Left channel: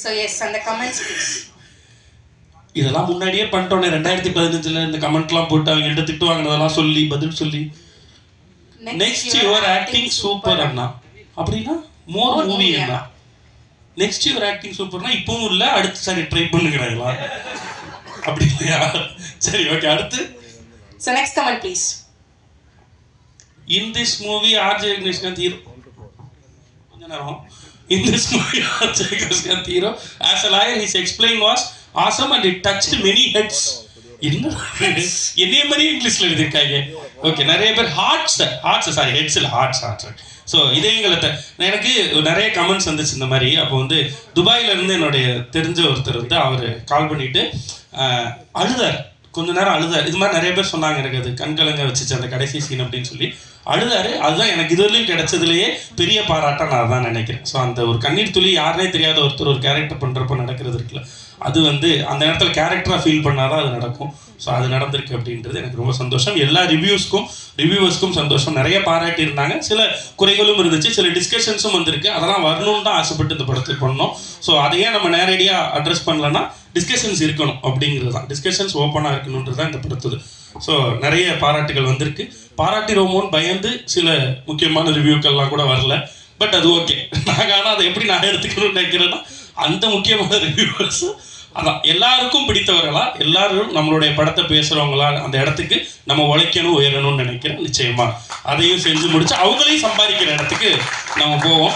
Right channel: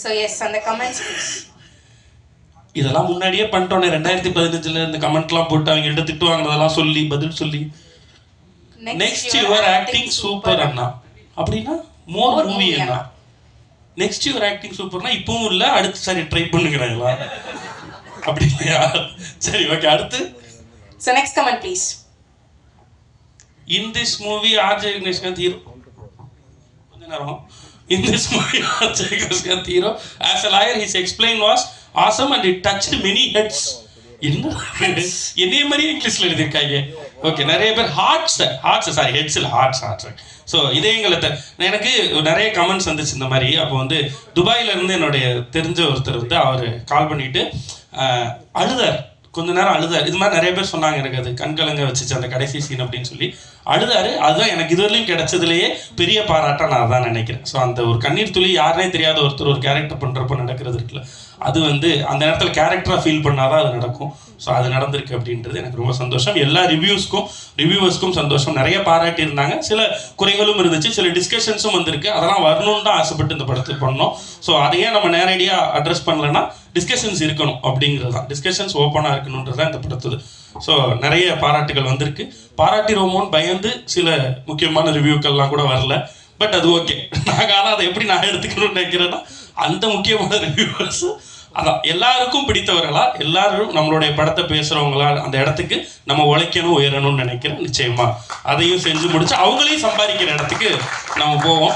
So S அந்த comments இதெல்லாம் முன்னாடியே பண்ணிட்டோன்னே ரெண்டாயிரத்தி பதினஞ்சுல இந்த கமெண்ட்லாம் போட்டு அவங்க கிட்ட திட்டு வாங்கினதெல்லாம் சொல்லி பதில் சொல்லி. நெக்ஸ்ட் யுவர் ஆக்டிங் சூப்பர் அண்ணா. அப்படின்னா மோர் மூவி அண்ணா. நெக்ஸ்ட் யுவர் ஆக்டிங் சூப்பர்னா இப்பவும் இல்ல அடுத்து சரி ட்ரை பண்ணுகிறாங்களா அப்படி இல்லையா சரி ஓகே அடுத்து. So next comment please in this movie RJ Krishnakanth hero கொஞ்ச நேரம். In this movie RJ Krishnakanth hero as a lawyer his explain was awesome and it touched many heads. என்ன? என்னைய மாதிரியே இங்கிலீஷ்ல எழுதியிருக்காங்க ஓகே நிறைய பேர் ஹார்ட்ஸ் ஹார்ட்ஸ் சாரி ஹெட்ஸ் இல்லை ஹார்ட்ஸ் ஹார்ட்ஸ் ஸோ இதயங்களை எனக்கு நிறைய கமெண்ட்ஸ் வந்துச்சு இந்த மாதிரி. அப்போ வந்து துபாயில இருந்து என்னுடைய தெரிஞ்ச ஒருத்தர் வந்து அவர் கால் பண்ணிட்டு அழுதார். கொஞ்ச நேரம் அழுதார். இது மாதிரி நிறைய பேர் சொன்னாங்க எனக்கு அது. கண்கலங்க வச்சுச்சு அந்த கடைசி சீன் அப்படின்னு சொல்லி. அழுதாரு. அதுதான் எனக்கு இதுவரையும் கிடைச்சதுலேயே பெரிய பாராட்டாக நான் அதான் நினைக்கிறேன். ஸோ அந்த ஒரு கண்ணீர் துளி யாருனே தெரியாத ஒருத்தர் ஒரு கேரக்டர் பண்ணுறப்ப நடக்கிறது இருக்குல்ல. அது வந்து அந்த நேரத்தில் கேரக்டராக ஃபீல் பண்ணாதான் அது நடக்கும். ஸோ அது நடந்திருக்கு அப்படின்றது எனக்கு ரொம்ப சந்தோஷம். எல்லா ரிவ்யூஸ்க்கும் ரிவ்யூவர்ஸ்க்கும் சந்தோஷம். நிறைய பாராட்டி இருந்தாங்க சில குறைகளும் இருந்துச்சு. சில டிஸ்கஷன்ஸும் வந்திருக்கு. அதெல்லாம் வரணும்னு தான் ஆசைப்பட்டு இந்த படத்துக்கு பண்ணோம் ஸோ அதையே நம்ம நேரடியாக அட்ரஸ் பண்ணலன்னா டிஸ்கஷன்ஸ் இருக்கணும் அப்படிங்கிறது தான். டிஸ்கஷன்ஸ் ஓப்பனாக இருக்கணுன்றது தான் இந்த படத்துது ஸோ நிறைய பாராட்டுகள் வந்திருக்கு. பாராட்டிரோமோன்னு பயந்து சில முக்கியமான ரிவ்யூக்கள்லாம் கூட வரல. பட் அது ஓகே நாங்கள் ஆனால் அதை எப்படி நான் எடுத்துக்கணும்னு நினைக்கிறேன்னா அந்த முக்கியமான ரிவ்யூவர்ஸ் அதான் எல்லாருக்கும் பிடித்தவர்களா எல்லாரும் நம்மளுடைய படத்தை பேசுகிறவங்களா அந்த இடத்துக்கு நம்ம உழைக்கணும் உயரணும்னு நினைக்கிறேன். நிச்சயமா. அதையும் செஞ்சு முடிச்சு அவங்களையும் சம்பாதிக்கிற இடத்துக்கு நம்ம போவோம்.